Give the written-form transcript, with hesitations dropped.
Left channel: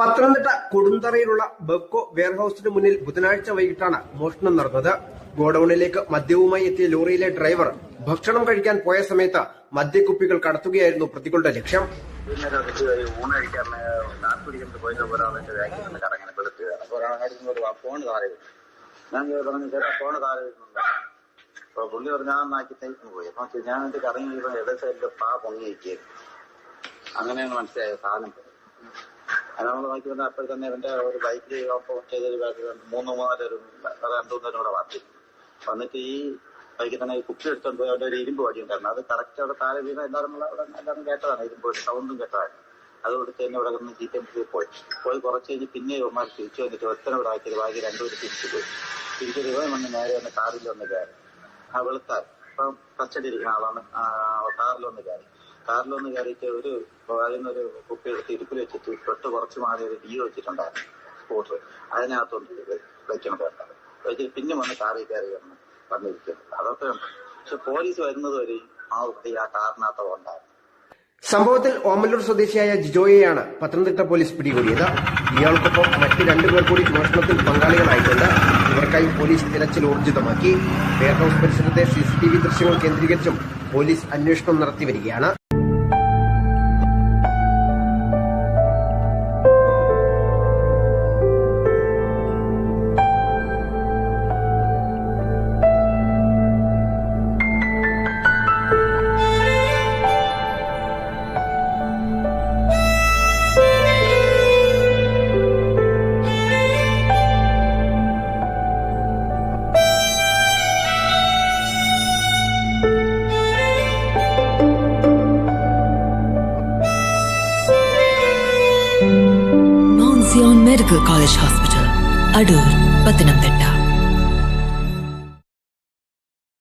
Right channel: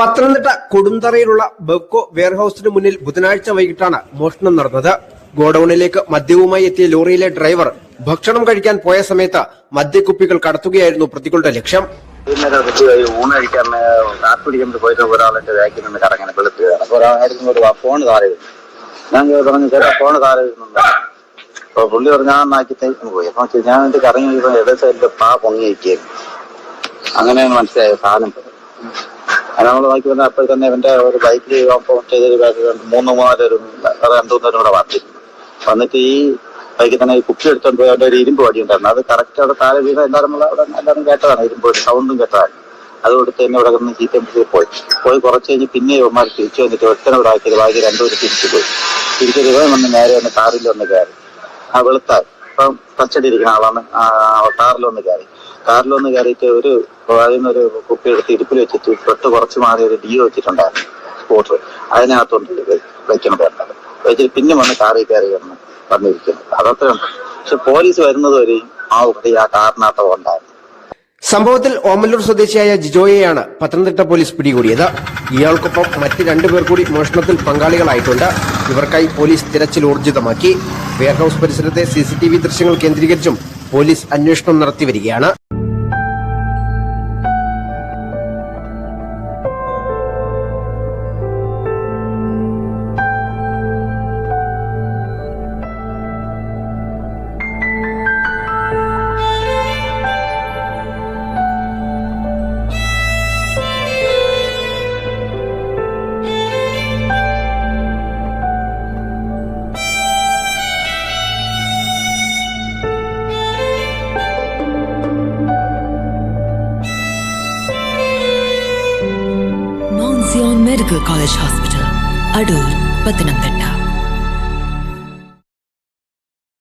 പത്തനംതിട്ട കൊടുന്തറയിലുള്ള ബെവ്കോ വെയർഹൌസിന് മുന്നിൽ ബുധനാഴ്ച വൈകിട്ടാണ് മോഷണം നടന്നത്. ഗോഡൌണിലേക്ക് മദ്യവുമായി എത്തിയ ലോറിയിലെ ഡ്രൈവർ ഭക്ഷണം കഴിക്കാൻ പോയ സമയത്ത് മദ്യക്കുപ്പികൾ കടത്തുകയായിരുന്നു പ്രതികളുടെ ലക്ഷ്യം. ഊണ് കഴിക്കാൻ കാപ്പി പിടിക്കാൻ പോയിട്ട് ഒരാളെന്റെ ബാക്കിൽ നിന്ന് കറങ്ങനെ വെളുത്തുകയാണ്. അപ്പോൾ ഒരാളായിരുന്നു ഫോണ് താഴെ ഞാൻ പറഞ്ഞു ചേട്ടാ ഫോണ് താഴെ വരുന്നുണ്ട്. അപ്പൊ പുള്ളി പറഞ്ഞു ഞാൻ നാക്കി തേക്കുന്നു പോയി. അപ്പൊ ഞാൻ എന്റെ കറങ്ങി ഏകദേശം എന്റെ പാ പൊങ്ങി വയ്ക്കുകയായിരുന്നു. അങ്ങനെയാണ് മനസ്സിലായ സാധനം. അത് നമ്മൾ നോക്കി വന്നാൽ അപ്പോൾ തന്നെ ഇവന്റെ ഒരു ബൈക്കിൽ ചെയ്തൊരു രണ്ടൂന്നേരം കൂടെ വന്നിട്ട് ഈ ബൈക്കിൽ തന്നെ കുപ്പി എടുത്തോണ്ട് പോയി അവന്റെ ഒരു ഇരുമ്പ് വടി ഉണ്ടായിരുന്നു. അത് കറക്റ്റ് അവിടെ താഴെ വീണ എല്ലാവരും കേട്ടതാണ്. ഇരുമ്പ് സൗണ്ടും കേട്ടതാണ്. അത് കൊടുത്ത് തന്നെ ഇവിടെ നിന്ന് ചീറ്റ പോയി കുറച്ച് കഴിഞ്ഞ് പിന്നെ ഇവന്മാർ തിരിച്ചു വന്നിട്ട് ഒറ്റനോട് ആക്കിയത് ബാക്കി രണ്ടുപേരും തിരിച്ചു പോയി. തിരിച്ചത് വന്ന് നേരെ വന്ന് കാറിൽ വന്ന് കയറി. ആ വെളുത്തായി ഇപ്പം കസ്റ്റഡി ഇരിക്കുന്ന ആളാണ്. കാറിലൊന്ന് കയറിയിട്ട് ഒരു അതിനൊരു കുപ്പി എടുത്ത് ഇടുപ്പിൽ വെച്ചിട്ട് തൊട്ട് കുറച്ച് മാറി ഒരു ഡിയോ വെച്ചിട്ടുണ്ടായിരുന്നു സ്കൂട്ടർ. അതിനകത്തോണ്ട് വയ്ക്കണം വേണ്ടത് വെച്ചിട്ട് പിന്നെ വന്ന് കാറിൽ കയറി വന്നിരിക്കുന്നത്. അതത്രയുണ്ട്. പക്ഷെ പോലീസ് വരുന്നത് വരെയും ആ കുട്ടി ആ കാറിനകത്ത് ഉണ്ടായിരുന്നു. സംഭവത്തിൽ ഓമല്ലൂർ സ്വദേശിയായ ജിജോയെയാണ് പത്തനംതിട്ട പോലീസ് പിടികൂടിയത്. ഇയാൾക്കൊപ്പം മറ്റ് രണ്ടുപേർ കൂടി മോഷണത്തിൽ പങ്കാളികളായിട്ടുണ്ട്. ഇവർക്കായി പോലീസ് തിരച്ചിൽ ഊർജിതമാക്കി. വെയർഹൌസ് പരിസരത്തെ CCTV ദൃശ്യങ്ങൾ കേന്ദ്രീകരിച്ചും പോലീസ് അന്വേഷണം നടത്തി വരികയാണ്. Zion Medical College Hospital, Adur, Pathanamthitta.